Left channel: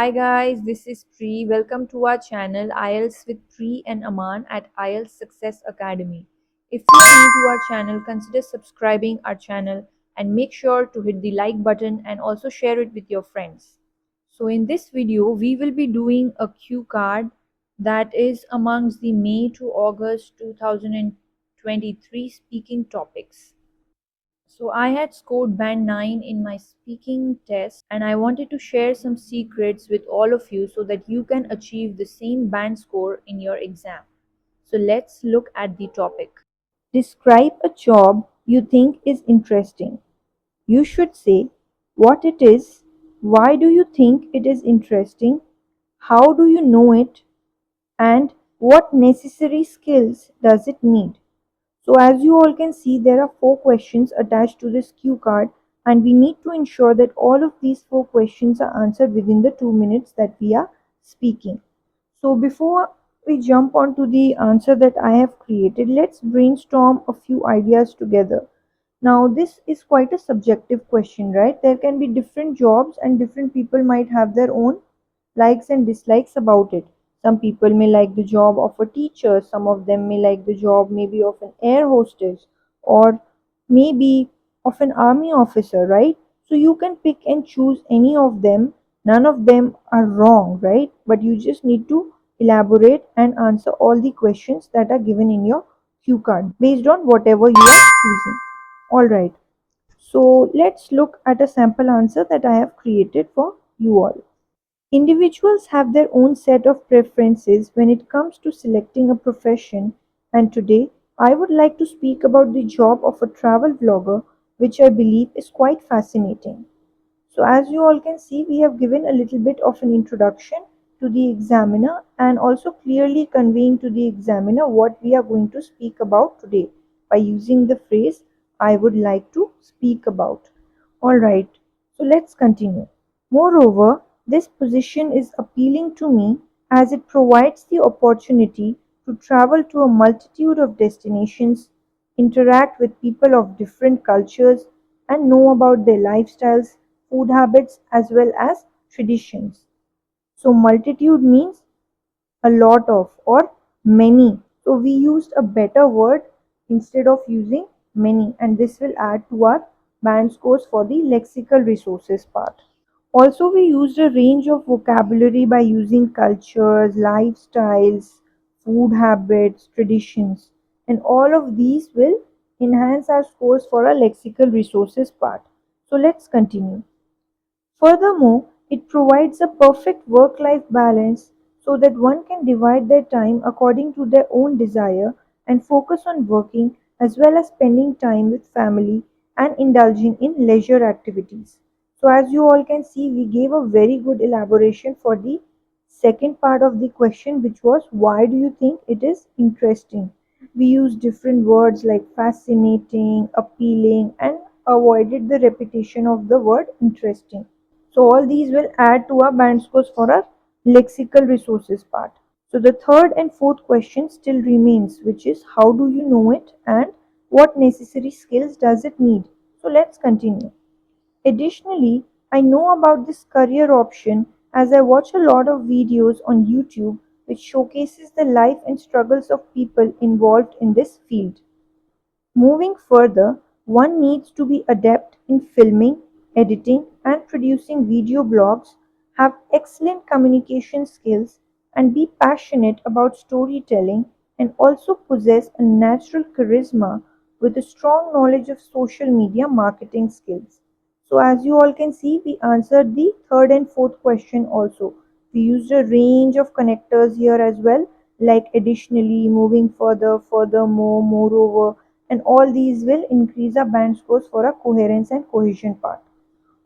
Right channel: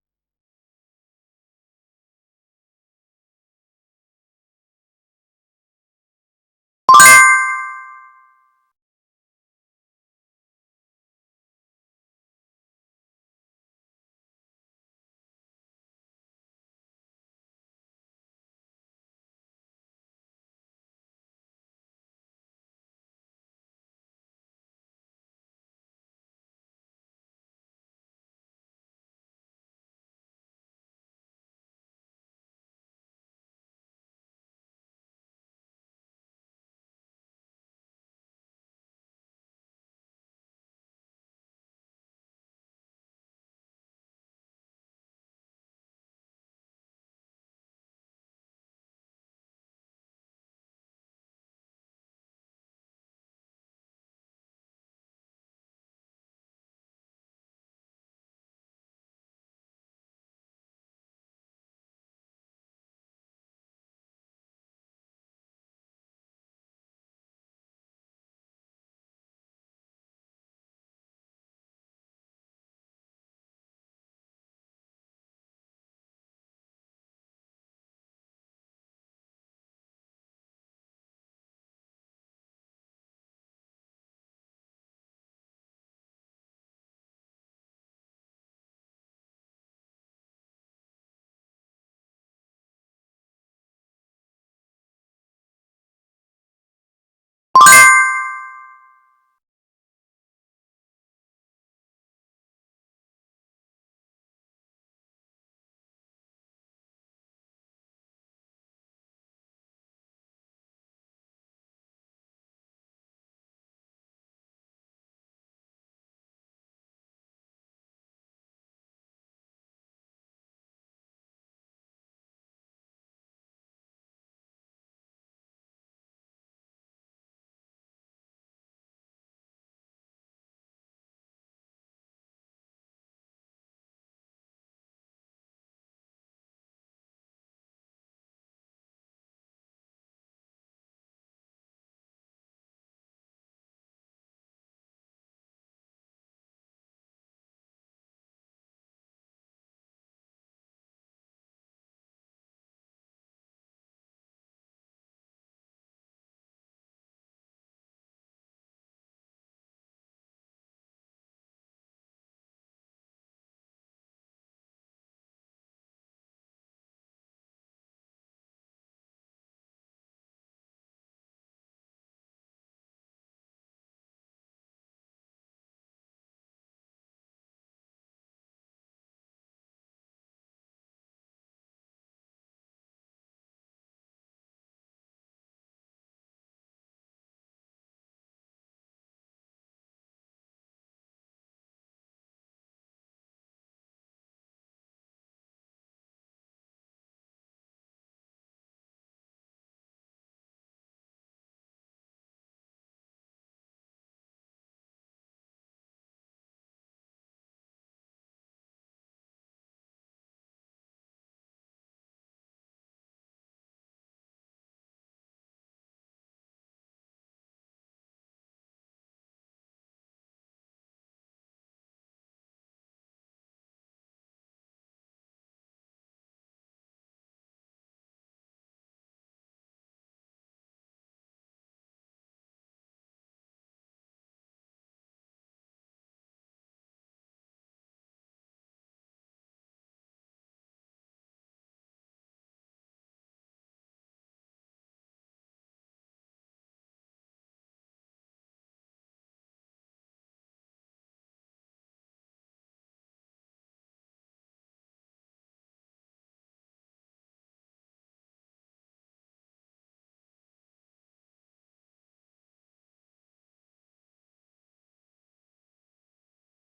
Hi guys, this is Pri. Welcome to our channel IELTS with Pri and Aman at IELTS Success Academy. If you're new to our channel, consider subscribing our channel and make sure to hit the like button and also share it with your friends. So in this video, we will be doing a cue card that is amongst the May to August 2023 speaking topics. So I had scored band 9 in my speaking test and I wanted to share some secrets with all of you so that you can achieve the same band score in your exam. So let's look at the topic. Describe a job you think is interesting. You should say what it is, why do you think it is interesting, how do you know it, and what necessary skills does it need. So as you all can see, there are 4 questions attached to this cue card and we need to ensure that all of these 4 questions are answered within the 2 minutes that we are speaking. So before we jump on to the answer that I have created, let's brainstorm a few ideas together. Now this is quite a subjective question, right? There can be different jobs and different people might have their own likes and dislikes about it. Some people may like the job of a teacher, some of them may like the job maybe of an air hostess or maybe of an army officer, right? So you can pick and choose any of them. None of them are wrong, right? But you just need to elaborate and answer all the questions that are given in your cue card based on whatever you are choosing. All right. So let's look at a sample answer that I have created for you all. Individuals have their own set of preferences when it comes to selecting a profession, and today I would like to speak about the job of a travel vlogger, which I believe is quite fascinating. So, as you all can see, we have given a little bit of an introduction to the examiner and also clearly conveying to the examiner what we are going to speak about today by using the phrase I would like to speak about. Alright, so let's continue. Moreover, this position is appealing to me as it provides the opportunity to travel to a multitude of destinations, interact with people of different cultures, and know about their lifestyles, food habits, as well as traditions. So, multitude means a lot of or many. So, we used a better word instead of using many, and this will add to our band scores for the lexical resources part. Also, we used a range of vocabulary by using cultures, lifestyles, food habits, traditions, and all of these will enhance our scores for our lexical resources part. So, let's continue. Furthermore, it provides a perfect work life balance so that one can divide their time according to their own desire and focus on working as well as spending time with family and indulging in leisure activities. So, as you all can see, we gave a very good elaboration for the second part of the question, which was why do you think it is interesting? We used different words like fascinating, appealing, and avoided the repetition of the word interesting. So all these will add to our band scores for our lexical resources part. So the third and fourth question still remains, which is how do you know it and what necessary skills does it need? So let's continue. Additionally, I know about this career option as I watch a lot of videos on YouTube which showcases the life and struggles of people involved in this field. Moving further, one needs to be adept in filming, editing, and producing video blogs, have excellent communication skills, and be passionate about storytelling, and also possess a natural charisma with a strong knowledge of social media marketing skills. So, as you all can see, we answered the third and fourth question also. We used a range of connectors here as well, like additionally, moving further, furthermore, moreover, and all these will increase our band scores for our coherence and cohesion part.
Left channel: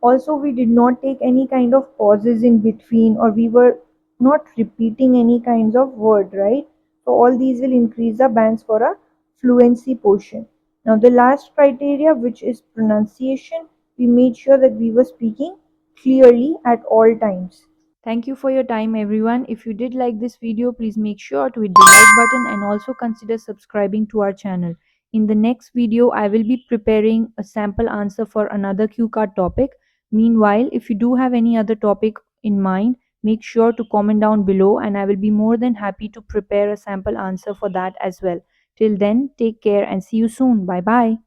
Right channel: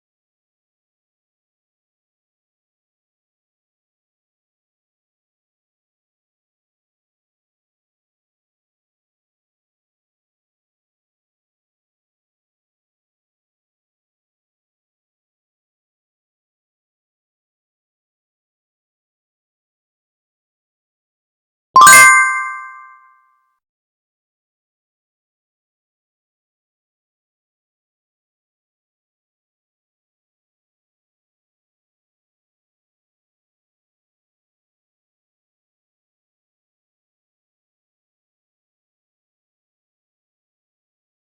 Also, we did not take any kind of pauses in between or we were not repeating any kinds of word, right? So all these will increase the bands for our fluency portion. Now the last criteria, which is pronunciation, we made sure that we were speaking clearly at all times. Thank you for your time everyone. If you did like this video, please make sure to hit the like button and also consider subscribing to our channel. In the next video, I will be preparing a sample answer for another cue card topic. Meanwhile, if you do have any other topic in mind, make sure to comment down below and I will be more than happy to prepare a sample answer for that as well. Till then, take care and see you soon. Bye bye.